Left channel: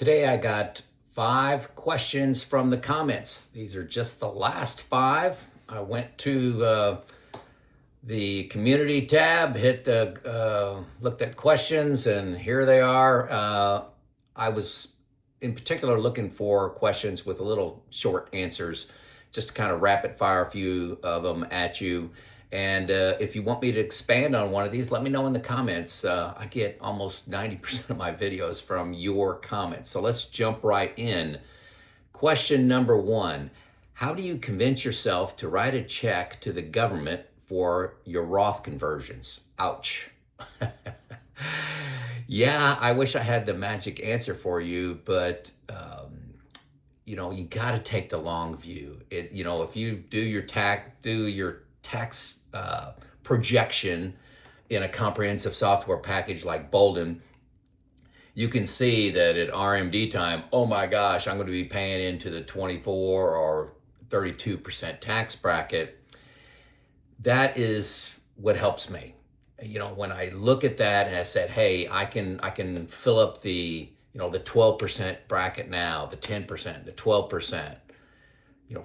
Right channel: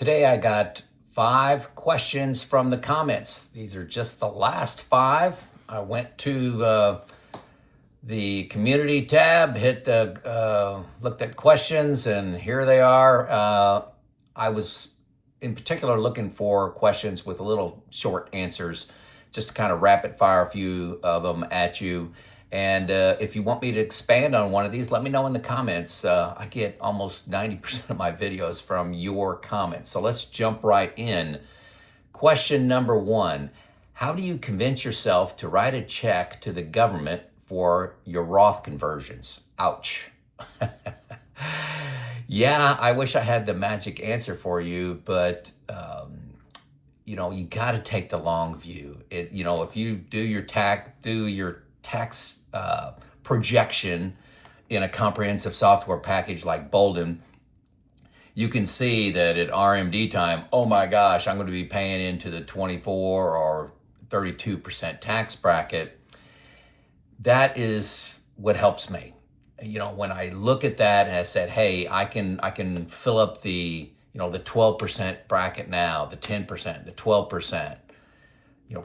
Today I got 5 questions from the comments. These are just the last 5. I went to the community tab, hit the looked at questions, and here they are. I was in particular looking for questions with a little short answers, just to kind of rapid fire a few of them at you. And if you want me to expand on one of these, let me know in the comments. I get almost 90% of my videos from your comments. So let's jump right in. Question number 1, how do you convince yourself to write a check to the government for your Roth conversions? Ouch. Yeah, I wish I had the magic answer for you, but you got to take the long view. If you do your tax projection in a comprehensive software package like Boldin, you can see that at RMD time, oh my gosh, I'm going to be paying into the 24 or 32% tax bracket. That is what helps me. When I look at that and I said, hey, I can fill up the 12% bracket now, the 10%, the 12%,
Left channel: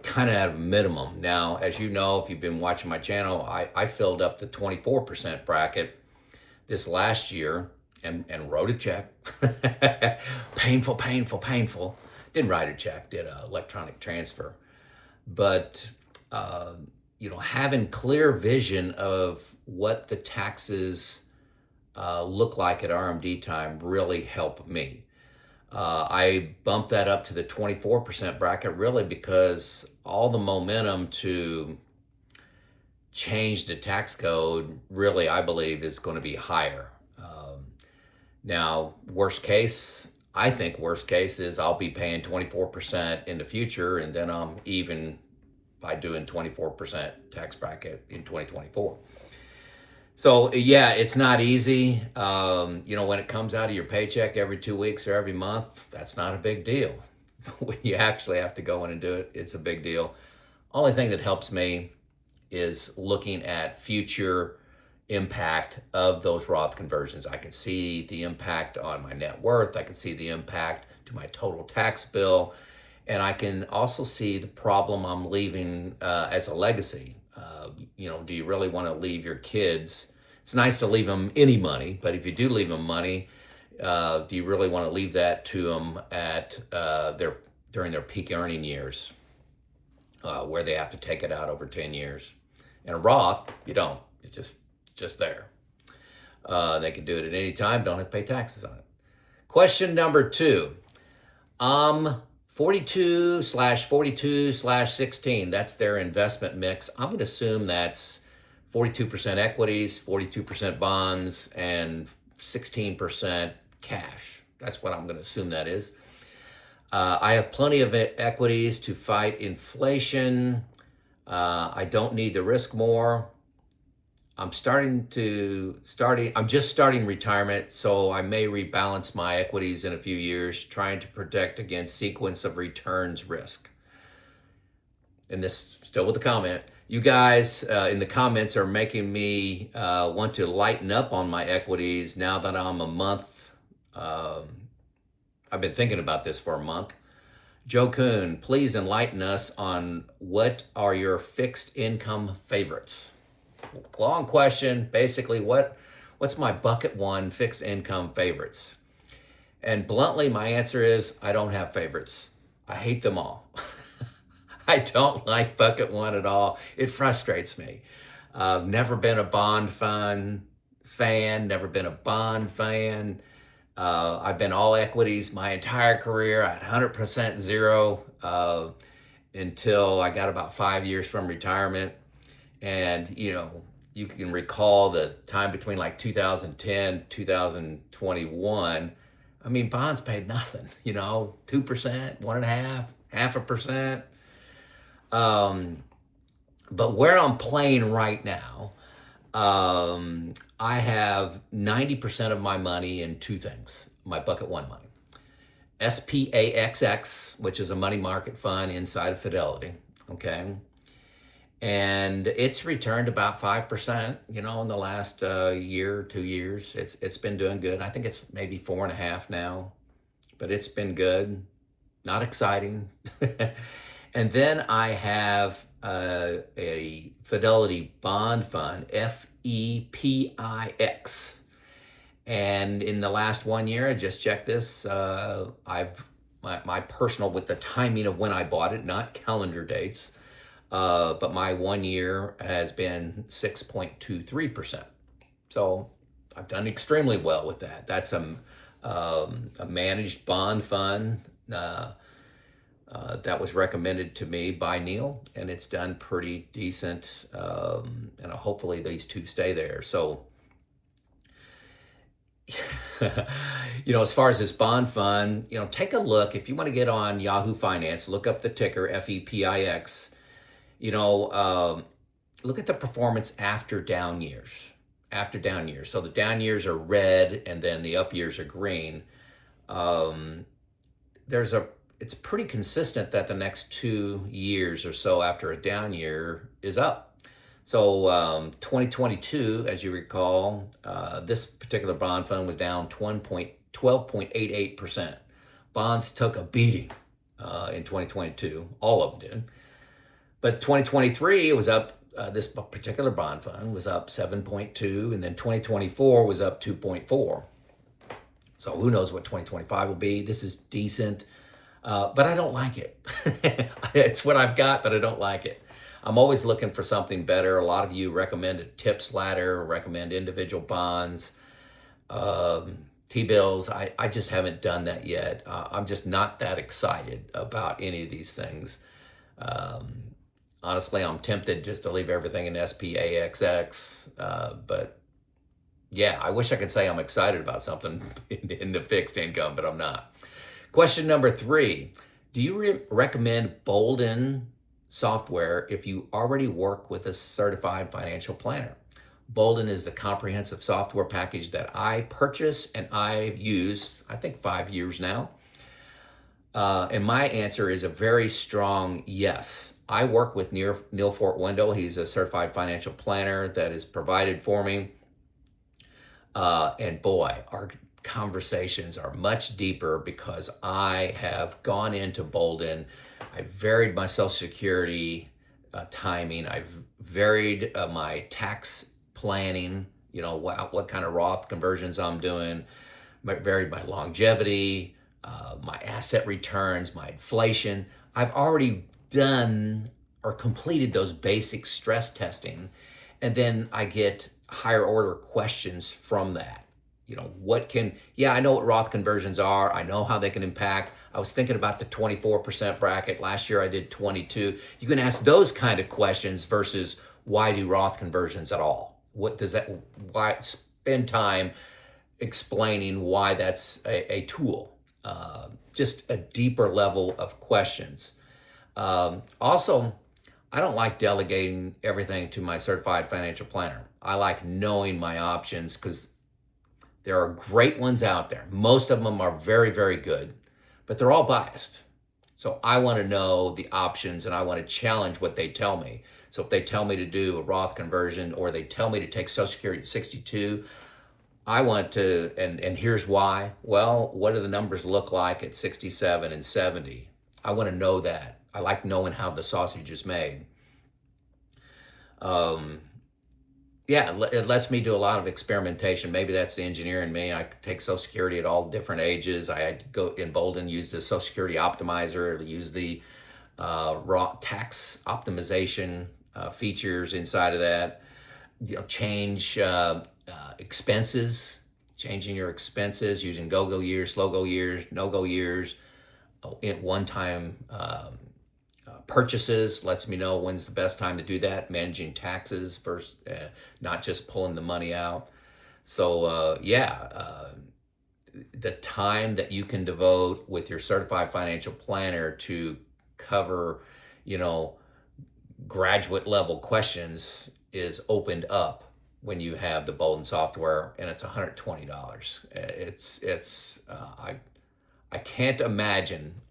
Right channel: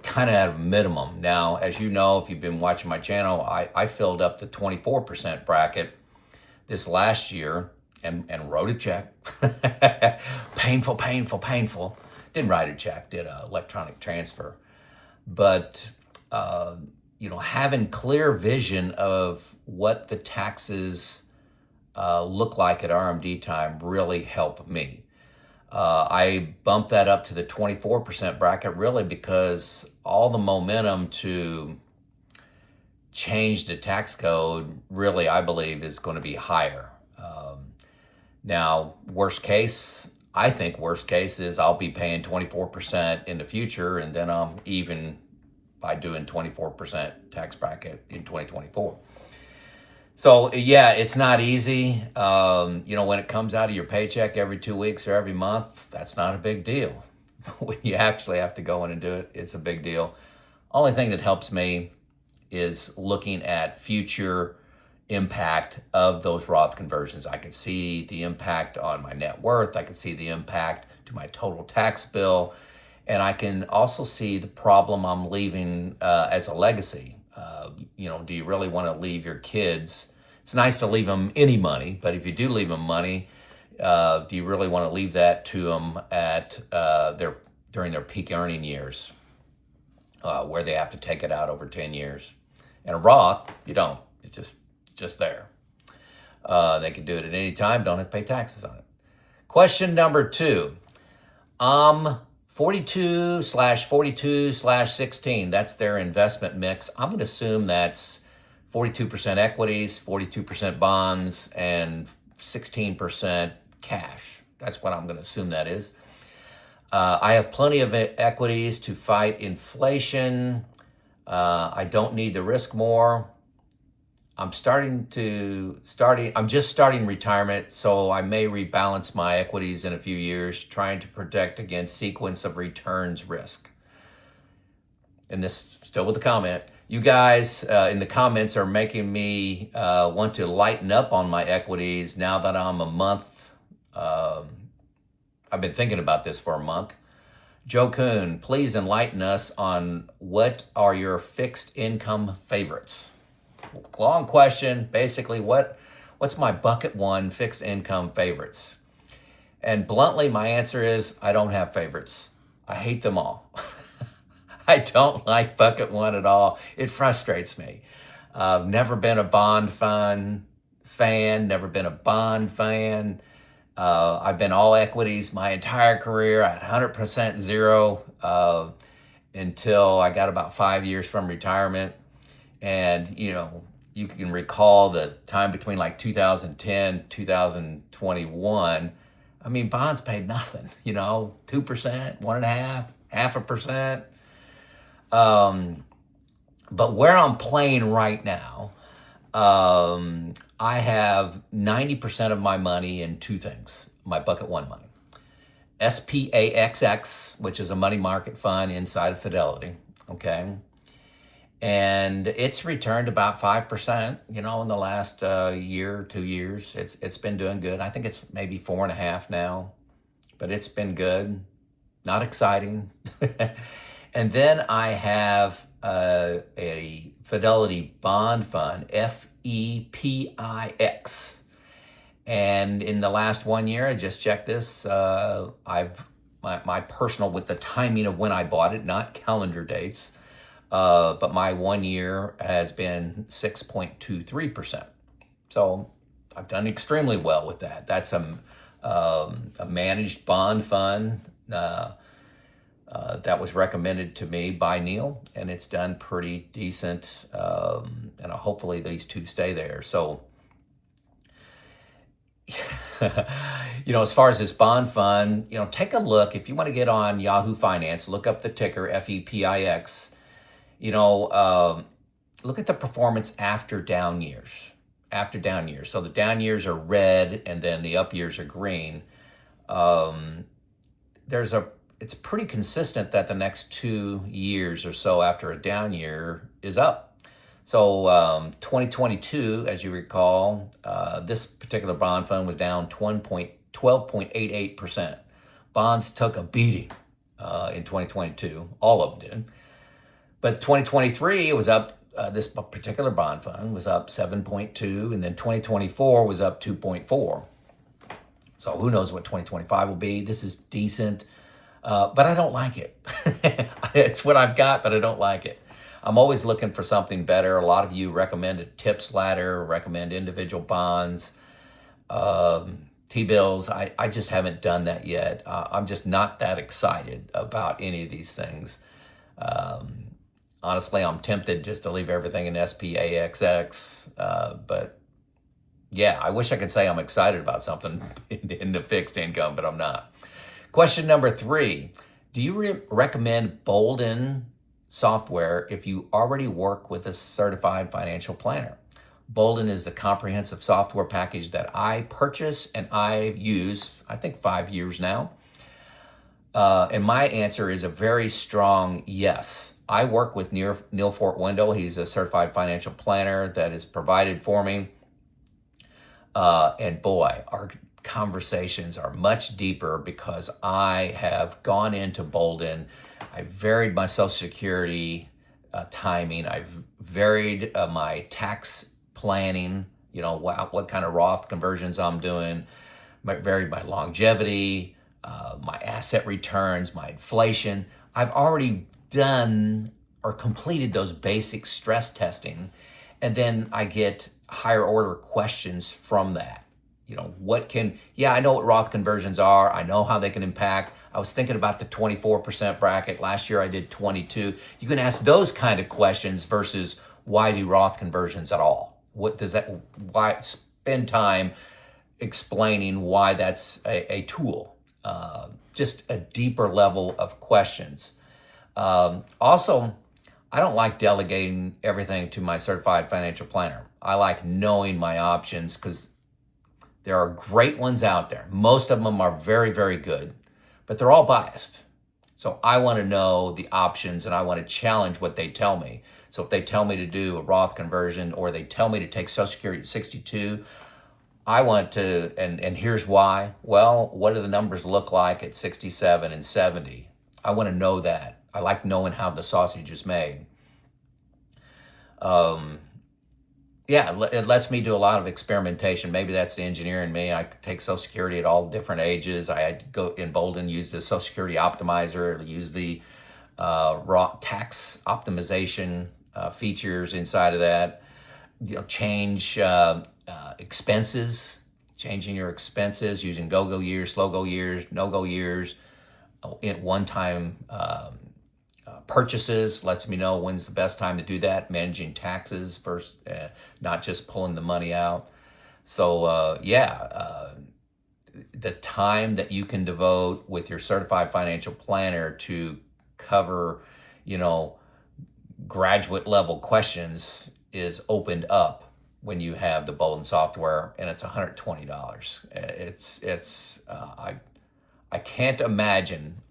kind of at a minimum. Now, as you know, if you've been watching my channel, I filled up the 24% bracket this last year and wrote a check. Painful. Didn't write a check, did an electronic transfer. But, having clear vision of what the taxes look like at RMD time really helped me. I bumped that up to the 24% bracket really because all the momentum to change the tax code really, I believe, is going to be higher. Now, I think worst case is I'll be paying 24% in the future, and then I'm even by doing 24% tax bracket in 2024. So yeah, it's not easy. When it comes out of your paycheck every 2 weeks or every month, that's not a big deal. When you actually have to go in and do it, it's a big deal. Only thing that helps me is looking at future impact of those Roth conversions. I can see the impact on my net worth. I can see the impact to my total tax bill. And I can also see the problem I'm leaving as a legacy. Do you really want to leave your kids? It's nice to leave them any money, but if you do leave them money, do you really want to leave that to them at during their peak earning years, where they have to take it out over 10 years? And a Roth, you don't. It's just there. They can do it at any time. Don't have to pay taxes on it. Question number 2. 42/42/16, that's their investment mix. I'm going to assume that's 42% equities, 42% bonds, and 16% cash. That's what I'm going to assume that is. I have plenty of equities to fight inflation. I don't need the risk more. I'm just starting retirement, so I may rebalance my equities in a few years, trying to protect against sequence of returns risk. And this, still with the comment, you guys in the comments are making me want to lighten up on my equities now that I'm a month. I've been thinking about this for a month. Joe Kuhn, please enlighten us on what are your fixed income favorites? Long question. Basically, what's my bucket 1 fixed income favorites? And bluntly, my answer is I don't have favorites. I hate them all. I don't like bucket 1 at all. It frustrates me. I've never been a bond fund fan, never been a bond fan. I've been all equities my entire career. I had 100% zero until I got about 5 years from retirement. And, you can recall the time between like 2010, 2021. I mean, bonds paid nothing, 2%, 1.5%, 0.5%. But where I'm playing right now, I have 90% of my money in 2 things, my bucket 1 money. SPAXX, which is a money market fund inside of Fidelity, okay? And it's returned about 5%, in the last year, 2 years. It's been doing good. I think it's maybe 4.5 now. but it's been good, not exciting. And then I have a Fidelity Bond Fund, FEPIX. And in the last 1 year, I just checked this, my personal, with the timing of when I bought it, not calendar dates, but my 1 year has been 6.23%. So I've done extremely well with that. That's a managed bond fund that was recommended to me by Neil, and it's done pretty decent. And hopefully these two stay there. So, as far as this bond fund, take a look. If you want to get on Yahoo Finance, look up the ticker FEPIX. Look at the performance after down years. So the down years are red and then the up years are green. It's pretty consistent that the next 2 years or so after a down year is up. So 2022, as you recall, this particular bond fund was down 12.88%. Bonds took a beating in 2022. All of them did. But 2023, it was up. This particular bond fund was up 7.2, and then 2024 was up 2.4. So who knows what 2025 will be? This is decent, but I don't like it. It's what I've got, but I don't like it. I'm always looking for something better. A lot of you recommend a tips ladder, recommend individual bonds, T-bills. I just haven't done that yet. I'm just not that excited about any of these things. Honestly, I'm tempted just to leave everything in SPAXX, but yeah, I wish I could say I'm excited about something in the fixed income, but I'm not. Question number 3, do you recommend Boldin software if you already work with a certified financial planner? Boldin is the comprehensive software package that I purchase and I use, I think 5 years now. And my answer is a very strong yes. I work with Neil Fort Window. He's a certified financial planner that is provided for me. And boy, our conversations are much deeper because I have gone into Boldin. I varied my Social Security timing. I've varied my tax planning, what kind of Roth conversions I'm doing. I varied my longevity, my asset returns, my inflation. I've already done or completed those basic stress testing, and then I get higher order questions from that. I know what Roth conversions are. I know how they can impact. I was thinking about the 24% bracket. Last year I did 22. You can ask those kind of questions versus why do Roth conversions at all? Why spend time explaining why that's a tool? Just a deeper level of questions. Also, I don't like delegating everything to my certified financial planner. I like knowing my options because there are great ones out there. Most of them are very, very good, but they're all biased. So I want to know the options and I want to challenge what they tell me. So if they tell me to do a Roth conversion or they tell me to take Social Security at 62, I want to, and here's why. Well, what do the numbers look like at 67 and 70? I want to know that. I like knowing how the sausage is made. It lets me do a lot of experimentation. Maybe that's the engineer in me. I could take Social Security at all different ages. I had to go in Boldin, use the Social Security optimizer, use the raw tax optimization features inside of that. Change expenses, changing your expenses using go-go years, slow-go years, no-go years, one-time purchases lets me know when's the best time to do that, managing taxes versus not just pulling the money out. So the time that you can devote with your certified financial planner to cover, graduate level questions is opened up when you have the Boldin software, and it's $120. I can't imagine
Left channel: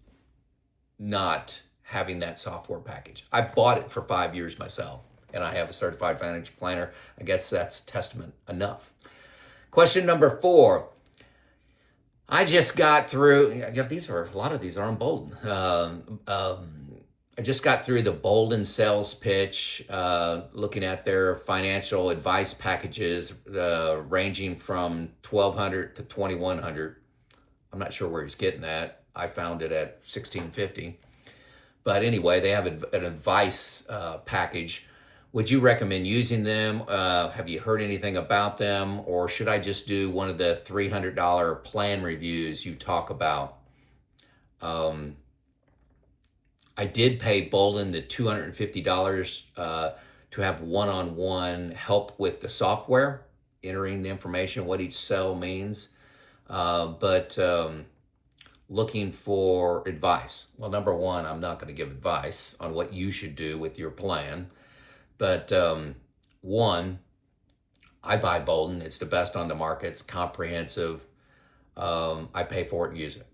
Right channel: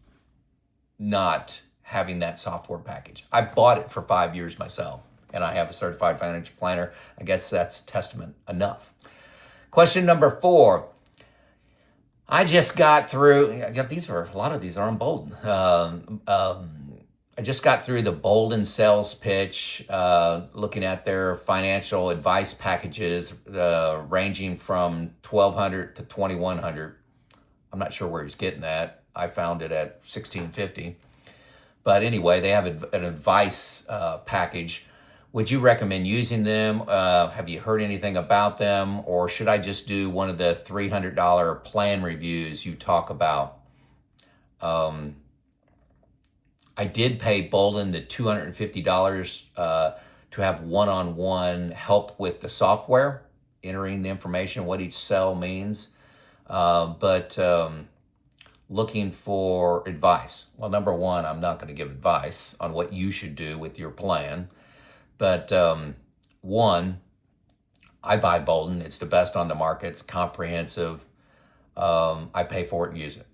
not having that software package. I bought it for 5 years myself, and I have a certified financial planner. I guess that's testament enough. Question number 4. I just got through, a lot of these are on Boldin. I just got through the Boldin sales pitch, looking at their financial advice packages, ranging from 1,200 to 2,100. I'm not sure where he's getting that. I found it at 1,650. But anyway, they have an advice package. Would you recommend using them? Have you heard anything about them? Or should I just do one of the $300 plan reviews you talk about? I did pay Boldin the $250 to have one-on-one help with the software, entering the information, what each cell means. But looking for advice. Well, number one, I'm not going to give advice on what you should do with your plan. But one, I buy Boldin. It's the best on the market. It's comprehensive. I pay for it and use it.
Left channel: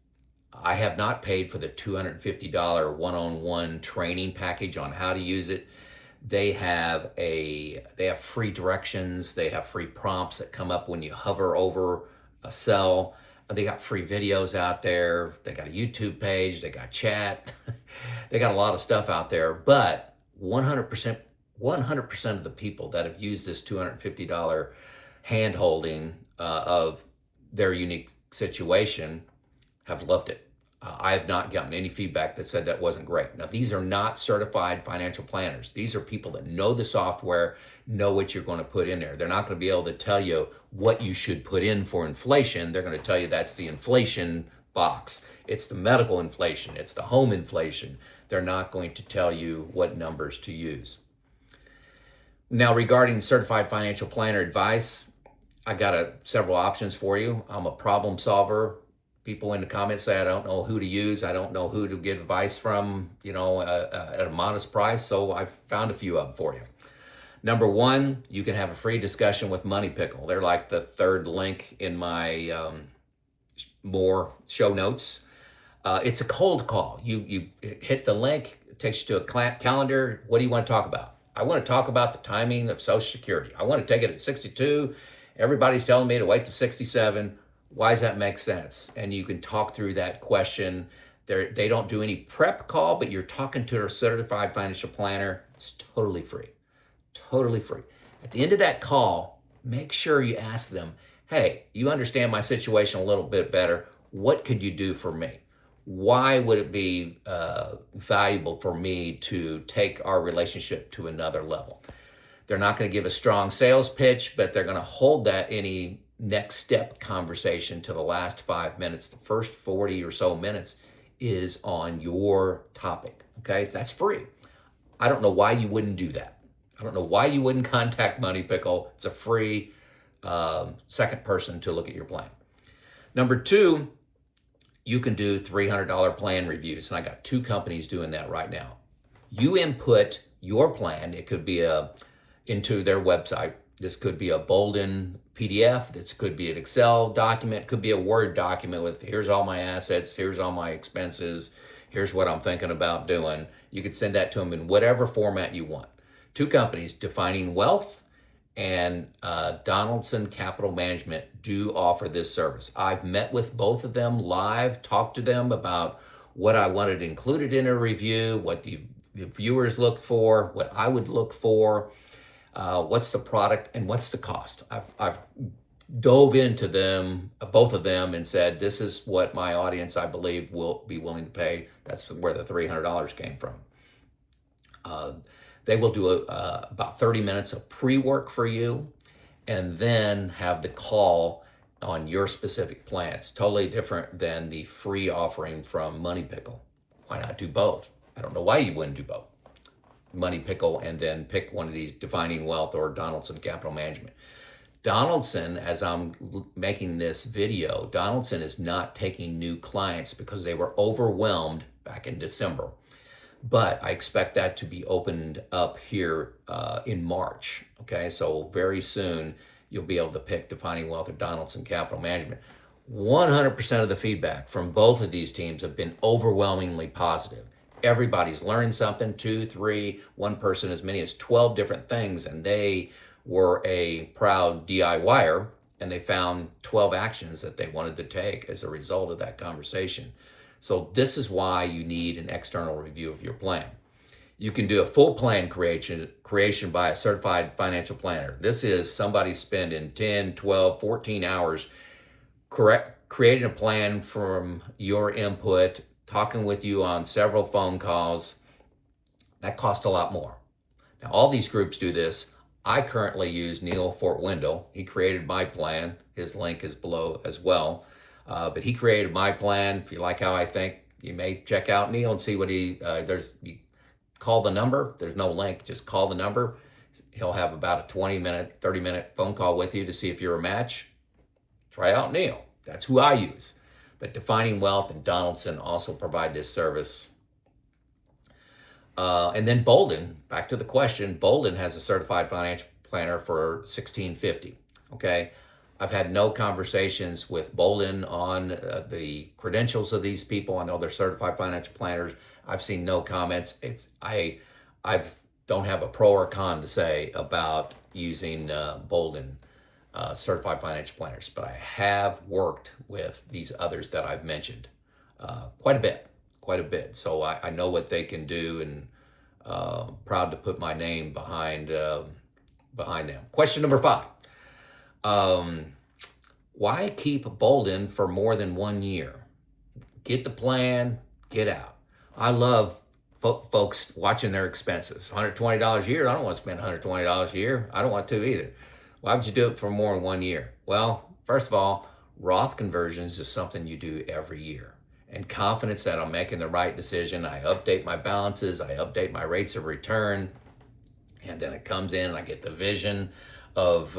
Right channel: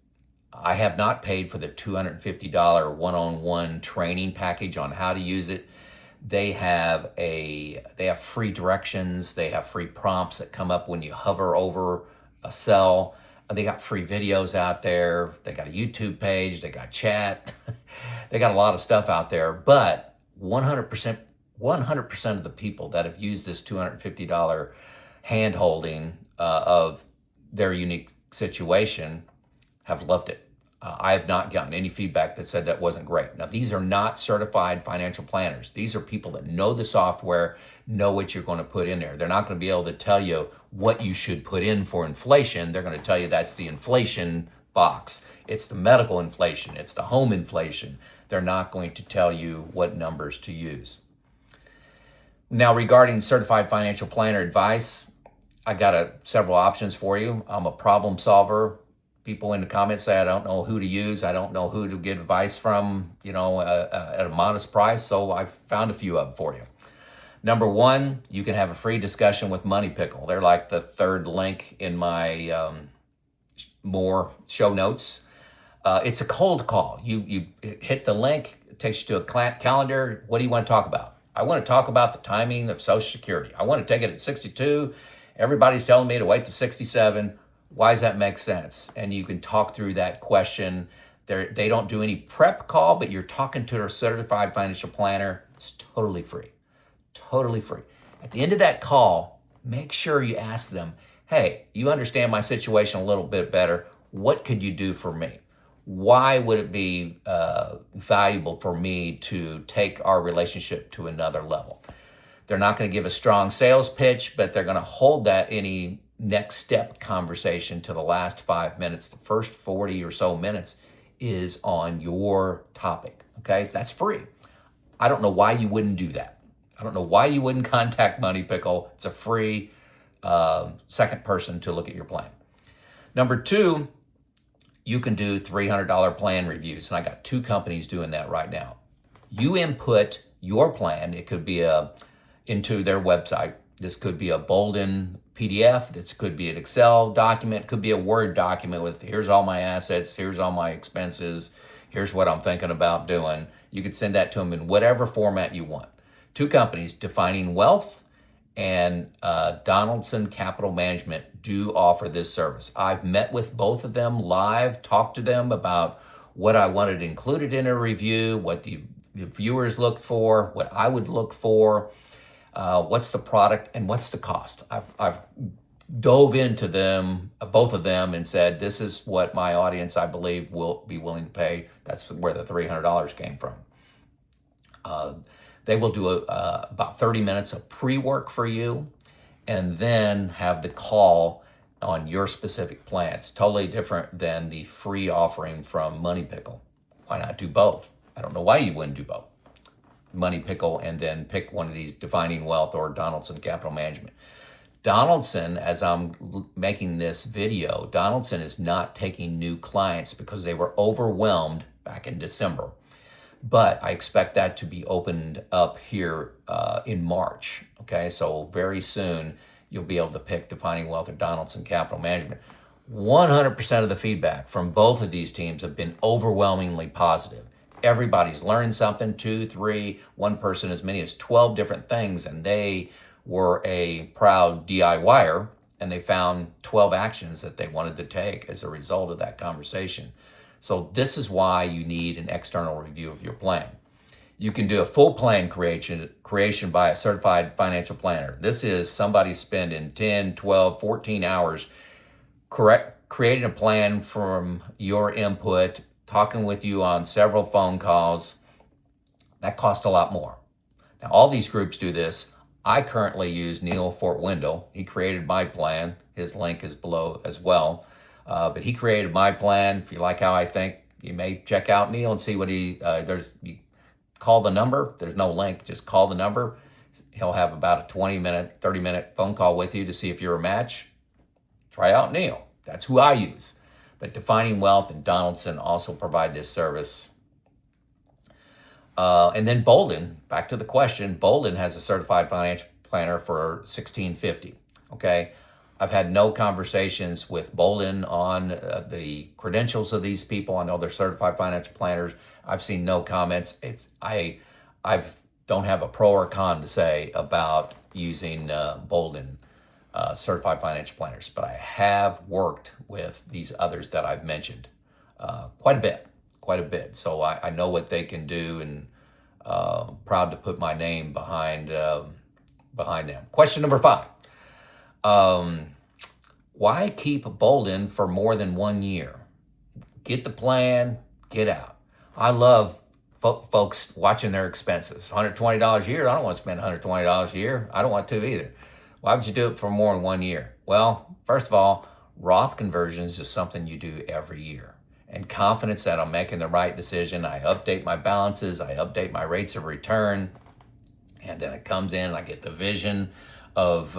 I have not paid for the $250 one-on-one training package on how to use it. They have free directions. They have free prompts that come up when you hover over a cell. They got free videos out there. They got a YouTube page. They got chat. They got a lot of stuff out there. But 100% of the people that have used this $250 hand-holding of their unique situation have loved it. I have not gotten any feedback that said that wasn't great. Now, these are not certified financial planners. These are people that know the software, know what you're going to put in there. They're not going to be able to tell you what you should put in for inflation. They're going to tell you that's the inflation box. It's the medical inflation. It's the home inflation. They're not going to tell you what numbers to use. Now, regarding certified financial planner advice, I got several options for you. I'm a problem solver. People in the comments say I don't know who to use. I don't know who to get advice from, at a modest price. So I found a few of them for you. Number one, you can have a free discussion with Money Pickle. They're like the third link in my more show notes. It's a cold call. You hit the link, it takes you to a calendar. What do you want to talk about? I want to talk about the timing of Social Security. I want to take it at 62. Everybody's telling me to wait to 67. Why does that make sense? And you can talk through that question. They don't do any prep call, but you're talking to a certified financial planner. It's totally free. Totally free. At the end of that call, make sure you ask them, hey, you understand my situation a little bit better. What could you do for me? Why would it be valuable for me to take our relationship to another level? They're not going to give a strong sales pitch, but they're going to hold that any next step conversation to the last 5 minutes. The first 40 or so minutes is on your topic. Okay, so that's free. I don't know why you wouldn't do that. I don't know why you wouldn't contact Money Pickle. It's a free second person to look at your plan. Number two, you can do $300 plan reviews. And I got 2 companies doing that right now. You input your plan. It could be into their website. This could be a Boldin PDF. This could be an Excel document. It could be a Word document with here's all my assets, here's all my expenses, here's what I'm thinking about doing. You could send that to them in whatever format you want. 2 companies, Defining Wealth and Donaldson Capital Management, do offer this service. I've met with both of them live, talked to them about what I wanted included in a review, what the viewers look for, what I would look for. What's the product and what's the cost? I've dove into them, both of them, and said, this is what my audience, I believe, will be willing to pay. That's where the $300 came from. They will do about 30 minutes of pre-work for you and then have the call on your specific plan. It's totally different than the free offering from Money Pickle. Why not do both? I don't know why you wouldn't do both. Money Pickle and then pick one of these, Defining Wealth or Donaldson Capital Management. Donaldson, as I'm making this video, Donaldson is not taking new clients because they were overwhelmed back in December. But I expect that to be opened up here in March. Okay, so very soon you'll be able to pick Defining Wealth or Donaldson Capital Management. 100% of the feedback from both of these teams have been overwhelmingly positive. Everybody's learned something, 2, 3, one person as many as 12 different things, and they were a proud DIYer and they found 12 actions that they wanted to take as a result of that conversation. So this is why you need an external review of your plan. You can do a full plan creation by a certified financial planner. This is somebody spending 10, 12, 14 hours creating a plan from your input, talking with you on several phone calls. That costs a lot more. Now, all these groups do this. I currently use Neil Fort Wendell. He created my plan. His link is below as well. But he created my plan. If you like how I think, you may check out Neil and see what you call the number. There's no link, just call the number. He'll have about a 20-minute, 30-minute phone call with you to see if you're a match. Try out Neil. That's who I use. But Defining Wealth and Donaldson also provide this service. And then Boldin, back to the question, Boldin has a certified financial planner for $1,650. Okay. I've had no conversations with Boldin on the credentials of these people. I know they're certified financial planners. I've seen no comments. I don't have a pro or con to say about using Boldin certified financial planners, but I have worked with these others that I've mentioned quite a bit. So I know what they can do, and proud to put my name behind them. Question number 5. Why keep Boldin for more than 1 year? Get the plan, get out. I love folks watching their expenses. $120 a year, I don't want to spend $120 a year. I don't want to either. Why would you do it for more than 1 year? Well, first of all, Roth Conversions is something you do every year. And confidence that I'm making the right decision. I update my balances, I update my rates of return, and then it comes in and I get the vision of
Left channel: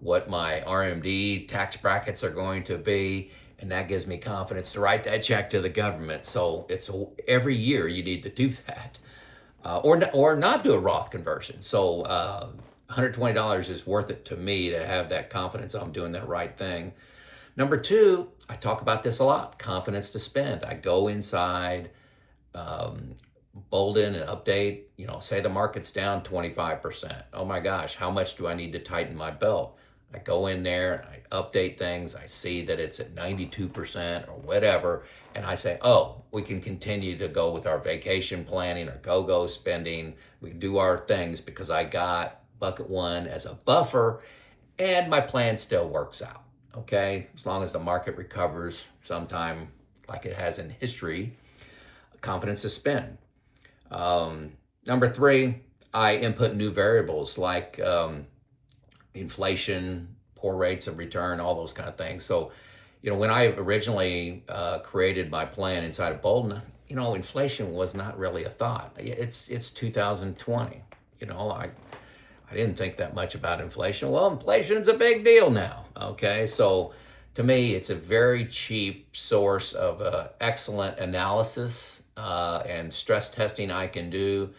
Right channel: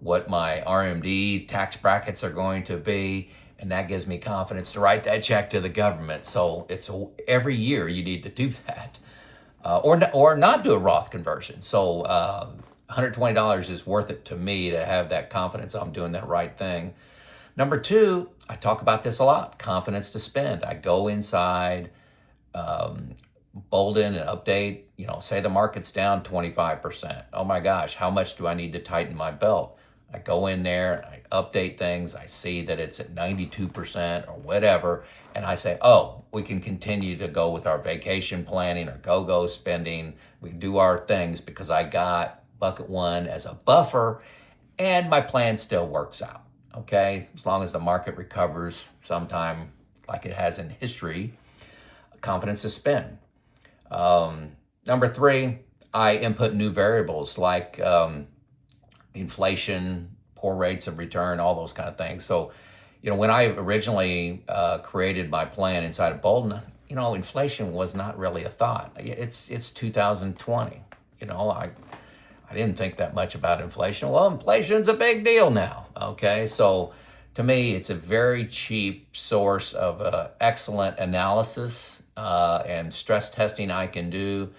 what my RMD tax brackets are going to be, and that gives me confidence to write that check to the government. So it's every year you need to do that, or not do a Roth conversion. So $120 is worth it to me to have that confidence I'm doing that right thing. Number 2, I talk about this a lot, confidence to spend. I go inside Boldin and update, say the market's down 25%. Oh my gosh, how much do I need to tighten my belt? I go in there, I update things, I see that it's at 92% or whatever, and I say, oh, we can continue to go with our vacation planning or go-go spending. We can do our things because I got bucket 1 as a buffer, and my plan still works out. Okay, as long as the market recovers sometime like it has in history, confidence to spend. Number 3, I input new variables like inflation, poor rates of return, all those kind of things. So, when I originally created my plan inside of Boldin, inflation was not really a thought. It's 2020. I didn't think that much about inflation. Well, inflation's a big deal now. Okay, so to me, it's a very cheap source of excellent analysis and stress testing I can do.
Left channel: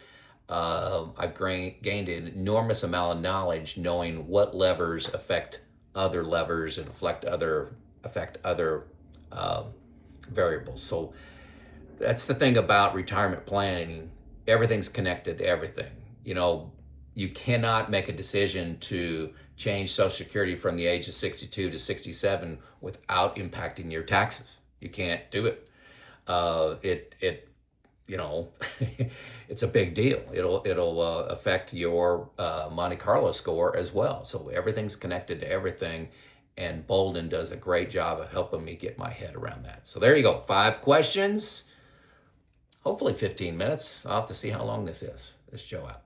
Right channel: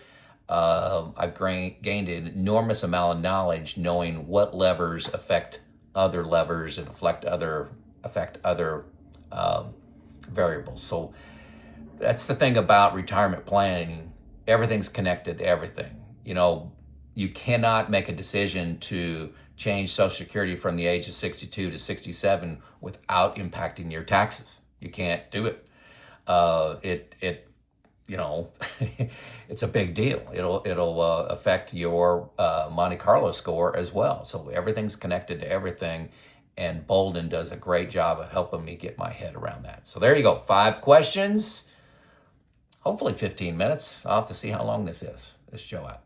I've gained an enormous amount of knowledge knowing what levers affect other levers and affect other variables. So that's the thing about retirement planning. Everything's connected to everything. You cannot make a decision to change Social Security from the age of 62 to 67 without impacting your taxes. You can't do it. It's a big deal. It'll affect your Monte Carlo score as well. So everything's connected to everything, and Boldin does a great job of helping me get my head around that. So there you go. 5 questions. Hopefully 15 minutes. I'll have to see how long this is. This show out.